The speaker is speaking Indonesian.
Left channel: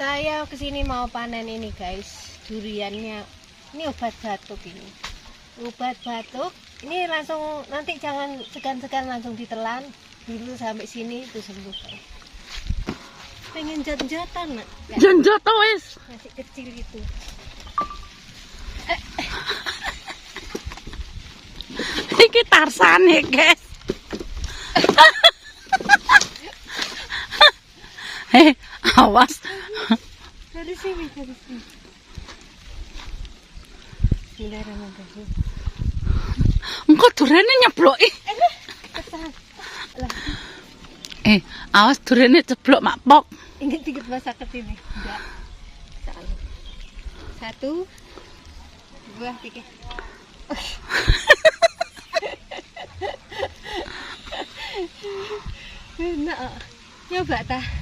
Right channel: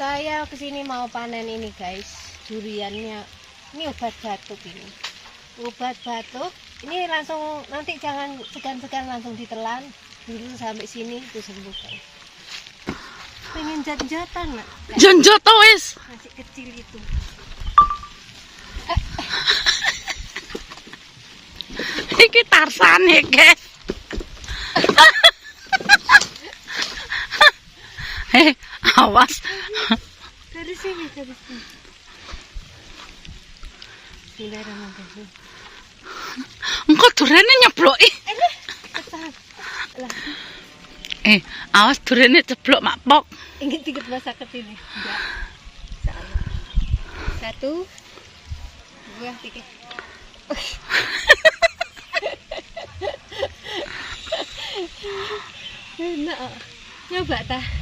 Saya kesini mau panen ini guys, duriannya. Ini obat batuk ini. Obat batuk. Ini langsung nanti jangan segan-segan langsung ditelan dulu sampai sini itu sembuh guys. Pengen jat-jatan nak? Jonjot wis. Masih kecil itu. Iki Tarzan guys. Awas. Dari sini, dari sini. Bismillahirrahmanirrahim. Engko durene nyebloki. Ketan. Lah, Awas durene ceblok makpok. inget-inget masa kecil ini. Enggak. Satu, dua, tiga. Enak. Nyoba tah.